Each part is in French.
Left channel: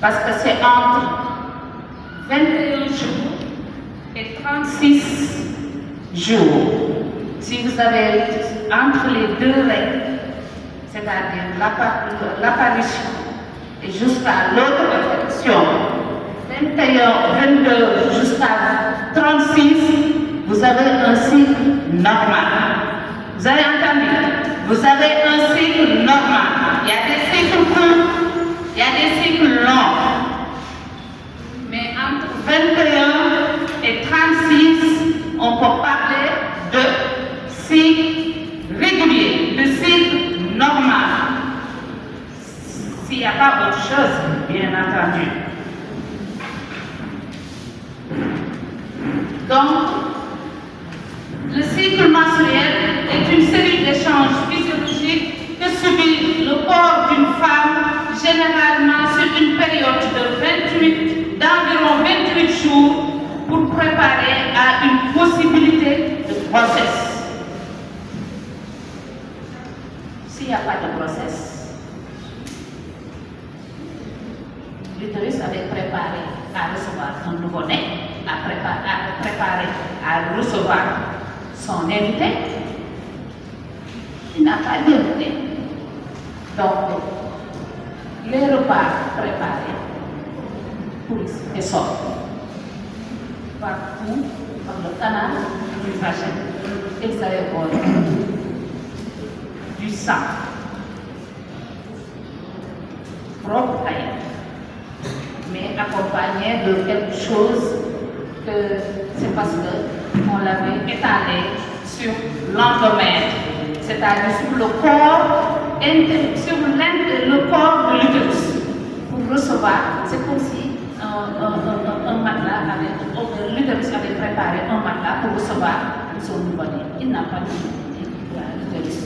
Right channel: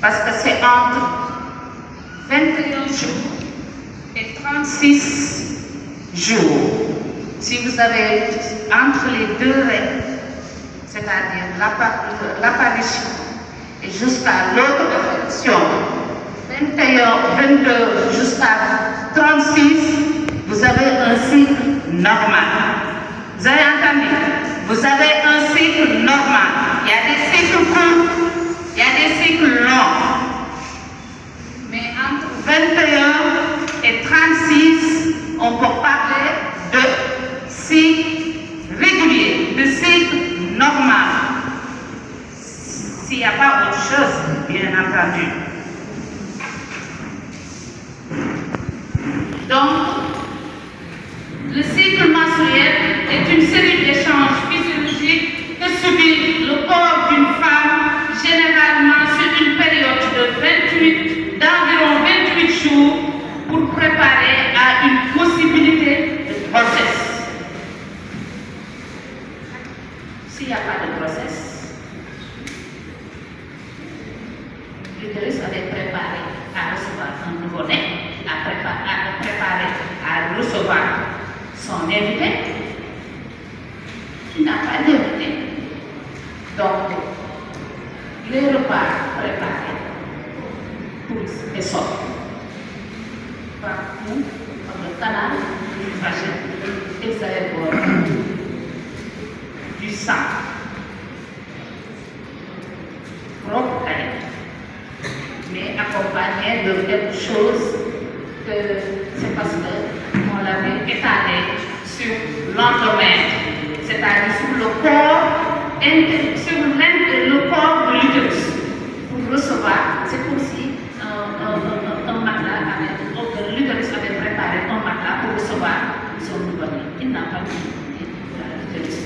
Parce que c'est entre 21 jours et 36 jours. Si vous avez entre les deux règles, c'est-à-dire l'apparition et jusqu'à l'autre affection, 21, 22 jusqu'à 36, vous avez un cycle normal. Vous avez entendu? Vous avez un cycle normal. Il y a des cycles courts, il y a des cycles longs. Mais entre 21 et 36, on peut parler de cycle régulier, de cycle normal. S'il n'y a pas autre chose, bien entendu. Donc, le cycle menstruel est une série d'échanges physiologiques que subit le corps d'une femme, généralement sur une période d'environ 28 jours, pour préparer à une possibilité de grossesse. S'il n'y a pas de grossesse, l'utérus va être préparé à recevoir un nouveau-né, à préparer à recevoir son invité. Il n'a pas d'invité. Donc, les repas préparés pour les sortes partout comme le canal du vagin et ça évolue du sang propre à elle, mais accompagné de quelque chose que c'est parce qu'on l'avait étalé sur l'endomètre, c'est-à-dire sur le corps le corps de l'utérus. Pour recevoir, c'est comme si un matelas l'utérus avait préparé un matelas pour recevoir son nouveau-né. Il n'a pas de l'utérus.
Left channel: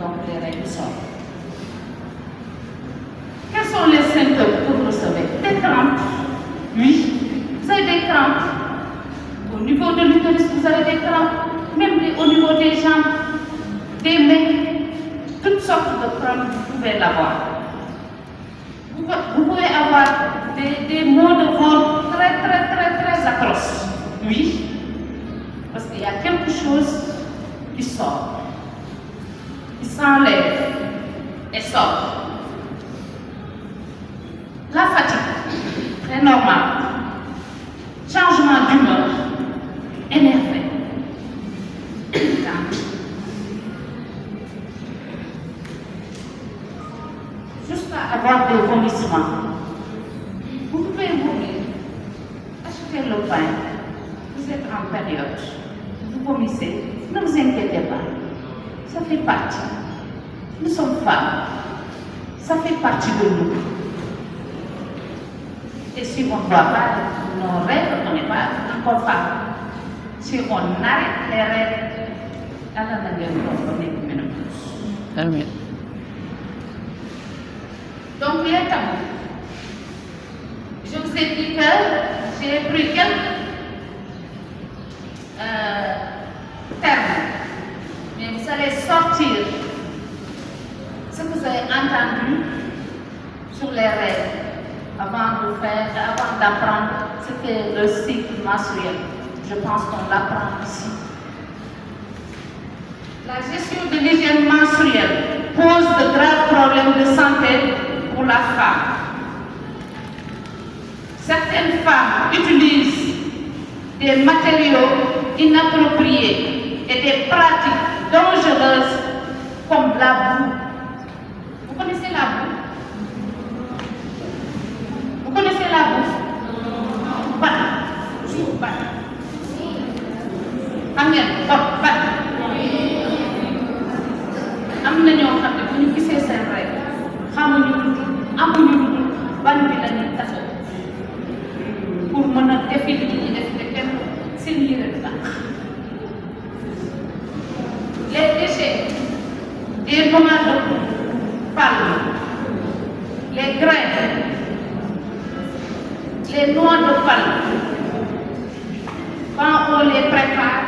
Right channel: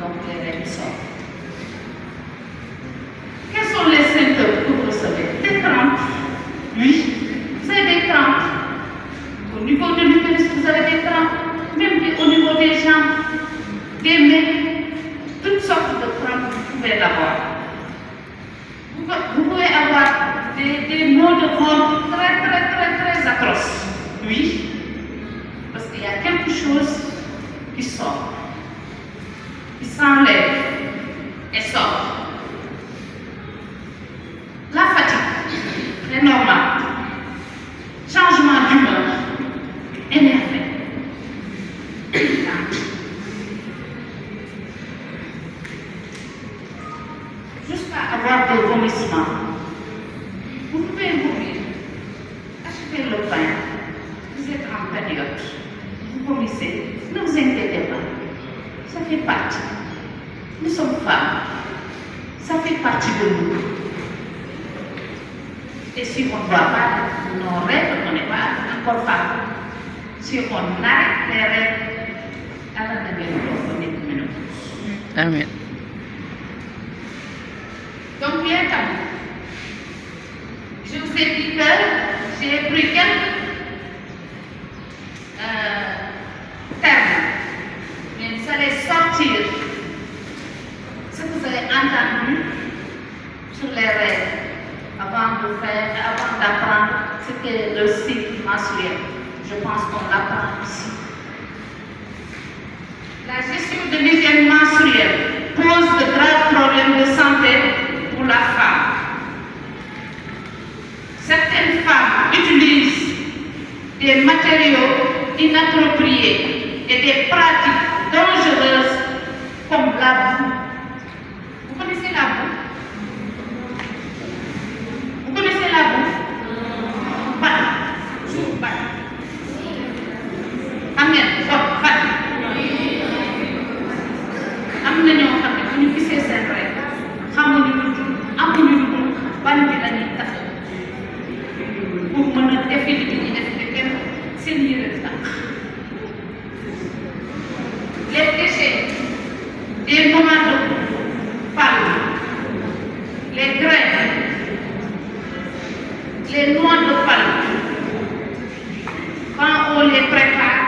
Donc les règles sortent. Quels sont les symptômes que vous recevez? Des crampes. Oui, vous avez des crampes. Au niveau de l'utérus, vous avez des crampes. Même au niveau des jambes, des mains, toutes sortes de crampes vous pouvez avoir. Vous pouvez avoir des maux de ventre très atroces. Oui, parce qu'il y a quelque chose qui sort, qui s'enlève et sort. La fatigue, très normale. Changement d'humeur, énervé. Jusqu'à avoir des vomissements. Vous pouvez vomir. Achetez le pain. Vous êtes en période. Vous vomissez. Ne vous inquiétez pas. Ça fait partie. Nous sommes femmes. Ça fait partie de nous. Et si on ne voit pas nos règles, on n'est pas encore femme. Si on arrête les règles, Amen. donc, bien tabou. Je vous ai dit que j'ai pris quelques termes, mais vous allez sortir ce que vous avez entendu sur les règles avant d'apprendre ce qu'est le cycle menstruel. Je pense qu'on l'apprend ici. La gestion de l'hygiène menstruelle pose de graves problèmes de santé pour la femme. Certaines femmes utilisent des matériaux inappropriés et des pratiques dangereuses comme la boue. Vous connaissez la boue? Vous connaissez la boue? am na ñoo xam ne bu ñu gisee seen rek xamuñu lu dul amuñu lu dul ban bi la ñuy tax pour mën a defi li ñuy def te kenn seen yére di tàq. Les déchets des moments de parle, les graines, les noix de palme, quand on les prépare,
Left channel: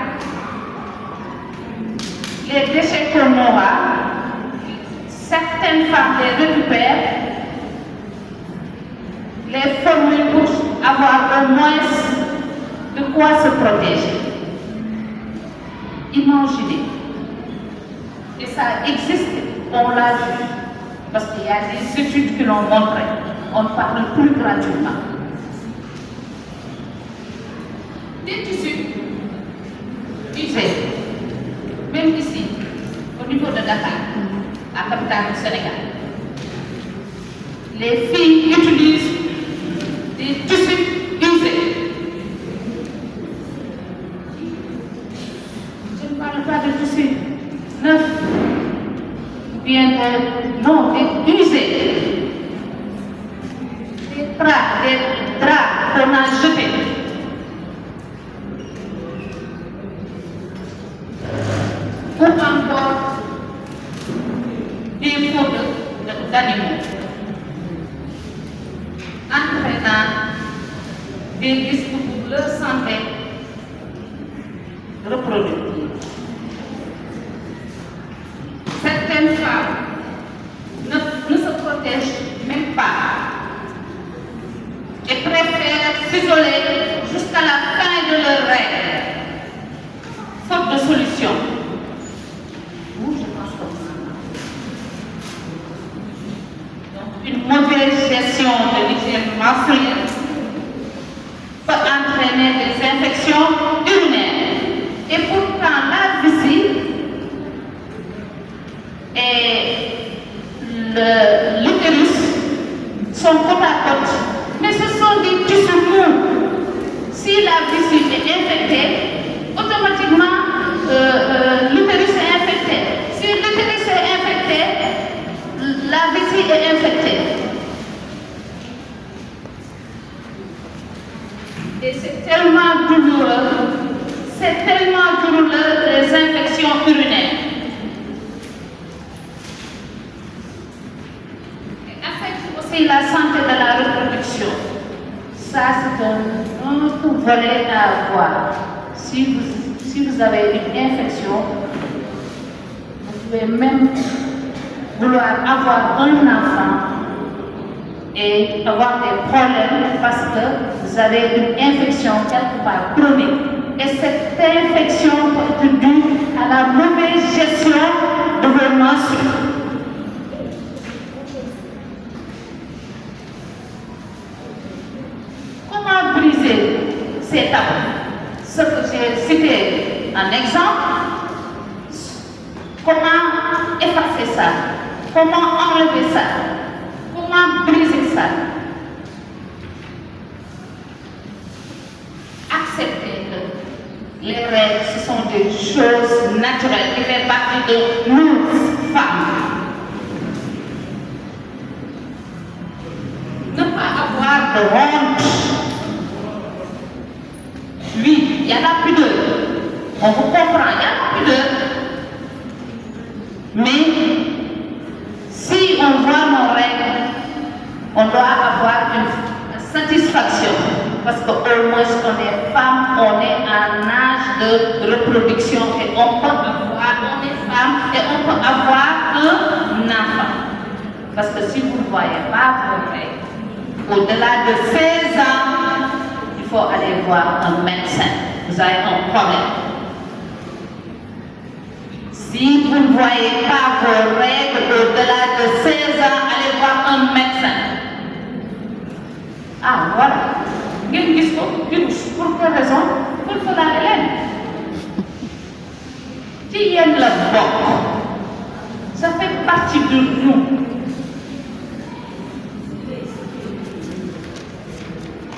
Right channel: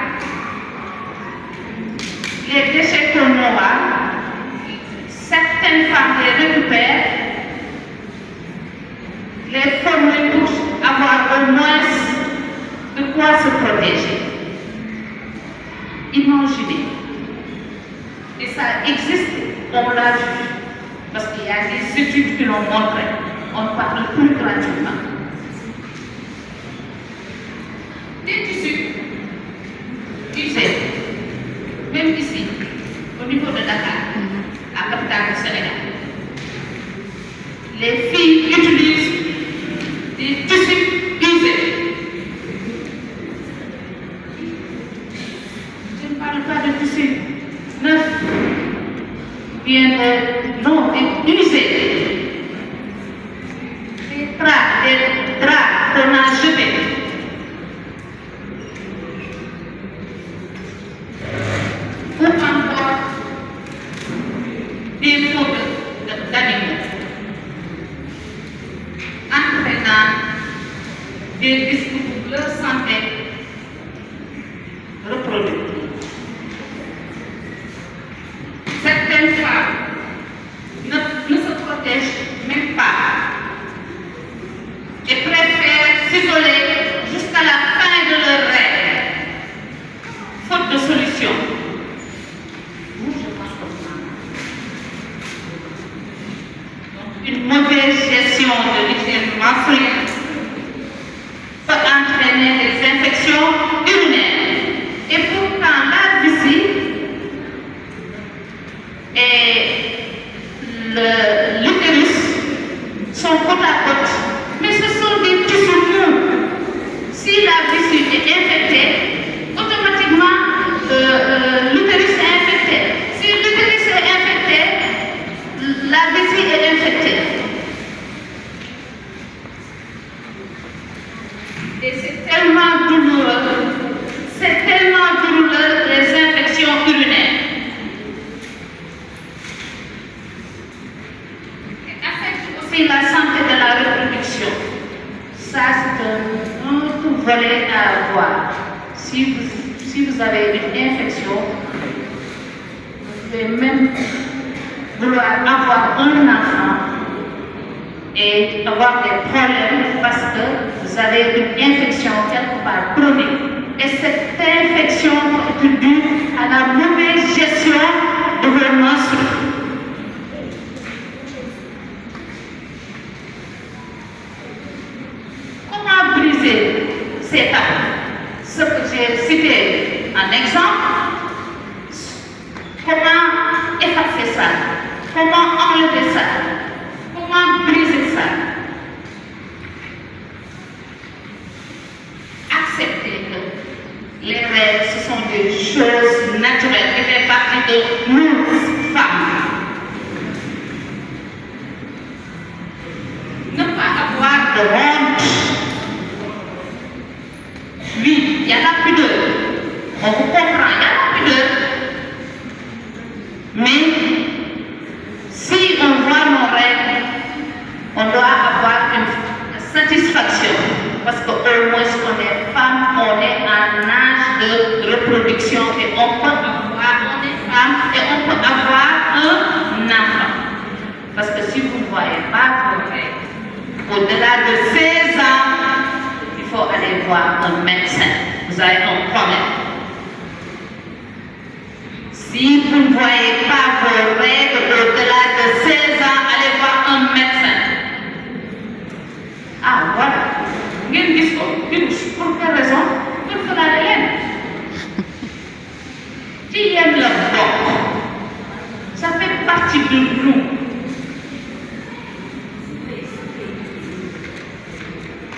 les déchets qu'on aura, certaines femmes les récupèrent Imaginez. Et ça existe, on l'a vu. Parce qu'il y a des études qui l'ont montré. On ne parle plus gratuitement. Des tissus usés, même ici, au niveau de Dakar, la capitale du Sénégal. Les filles utilisent des tissus usés. Je ne parle pas de tissus neufs, bien des usés. Des draps qu'on a jetés. Ou encore des pots d'animaux, entraînant des risques pour leur santé reproductive. Certaines femmes ne se protègent même pas et préfèrent s'isoler jusqu'à la fin de leur règne, faute de solution. Une mauvaise gestion de l'hygiène menstruelle peut entraîner des infections urinaires. Et pourtant, la vessie et l'utérus sont côte à côte. Mais ce sont des tissus mous. Si la vessie est infectée, automatiquement l'utérus est infecté. Si l'utérus est infecté, la vessie est infectée. Et c'est tellement douloureux les infections urinaires. Et affecte aussi la santé de la reproduction. Ça, c'est un autre volet à avoir. Si vous avez une infection, vous pouvez même vouloir avoir un enfant et avoir des problèmes parce que vous avez une infection quelque part chronique. Et cette infection est due à la mauvaise gestion de vos menstrues. Comment briser ces tabous? Ce que j'ai cité en exemple, comment effacer ça? Comment enlever ça? Comment briser ça? Accepter que les règles, ce sont des choses naturelles qui font partie de nous, femmes. Ne pas avoir de honte. Oui, il y a la pudeur. On vous comprend, il y a la pudeur. Mais si on voit nos règles, on doit avoir une satisfaction. Parce qu'au moins, on est femme, on est en âge de reproduction et on est femme et on peut avoir un enfant. Parce que si vous ne voyez pas vos règles, au-delà de 16 ans, il faut aller voir un médecin. Vous avez un problème. Si vous ne voyez pas vos règles au-delà de 16 ans, allez voir un médecin. Ah, voilà. Pour quelle raison? Pour que la reine. Qui aime la boque? Ça fait partie de nous.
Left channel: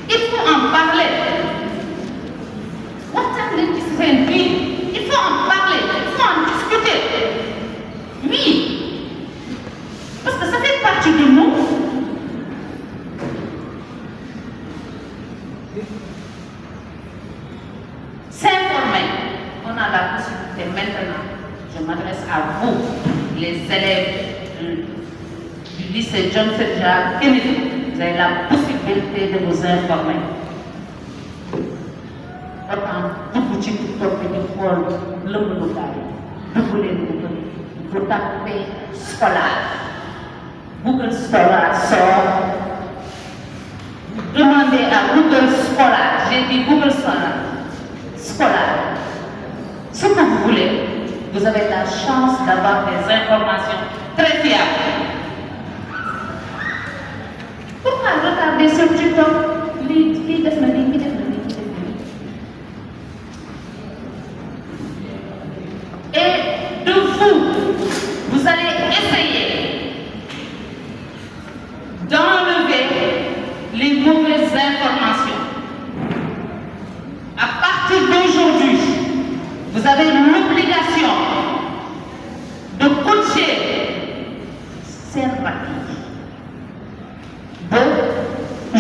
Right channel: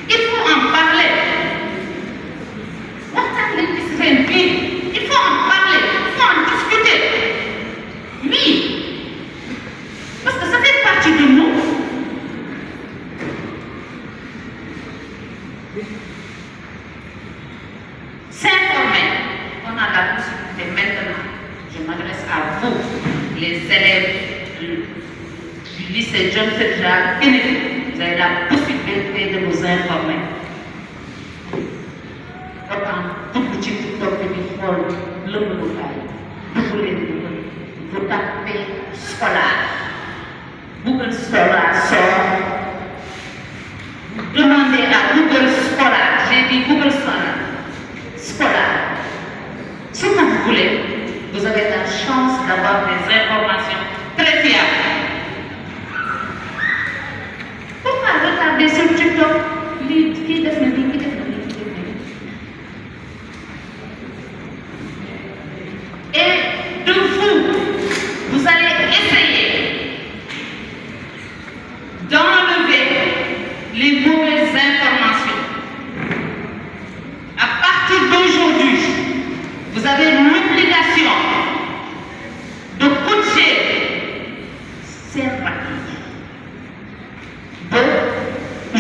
Il faut en parler. Il faut en parler, il faut en discuter. Oui, parce que ça fait partie de nous. S'informer, on a la possibilité maintenant. Je m'adresse à vous, les élèves du lycée John Fitzgerald Kennedy. Vous avez la possibilité de vous informer. Dugg ci TikTok bi di xool lëmb dugg leen vous tapez scolaire Google Scholar sort. Demandez à Google Scholar, j'ai dit Google Scholar, ce que vous voulez. avoir des informations très fiables. Pourquoi retarder sur TikTok? Qui def na lii, qui def na lii, qui def na lii. Et de vous allez essayer d'enlever les mauvaises informations. À partir d'aujourd'hui, vous avez l'obligation de coacher seen rakk ba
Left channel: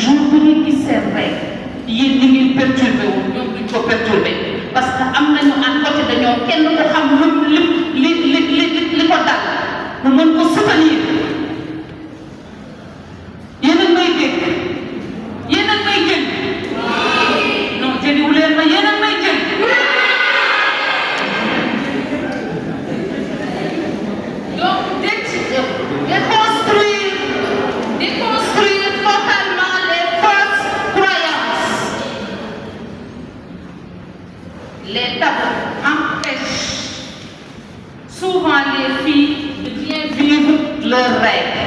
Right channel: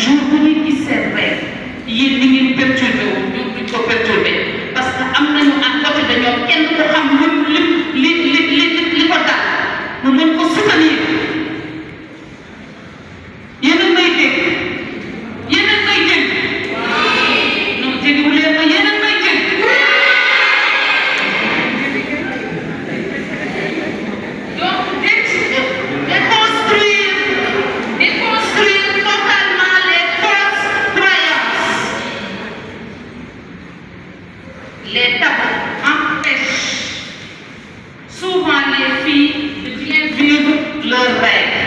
jour bu ñu gis seen rêve yéen li ngeen perturbé wu ñoom duñ ko perturbé parce que am nañu en côté dañoo kenn ko xam li ko dal mu mën ko soutenir. Yéen a may dégg yéen a may jël non jëliwu leen ma yéen a may jël. Donc déconstruire totalement les fausses croyances. Les tabous empêchent souvent les filles de bien vivre leur rêve.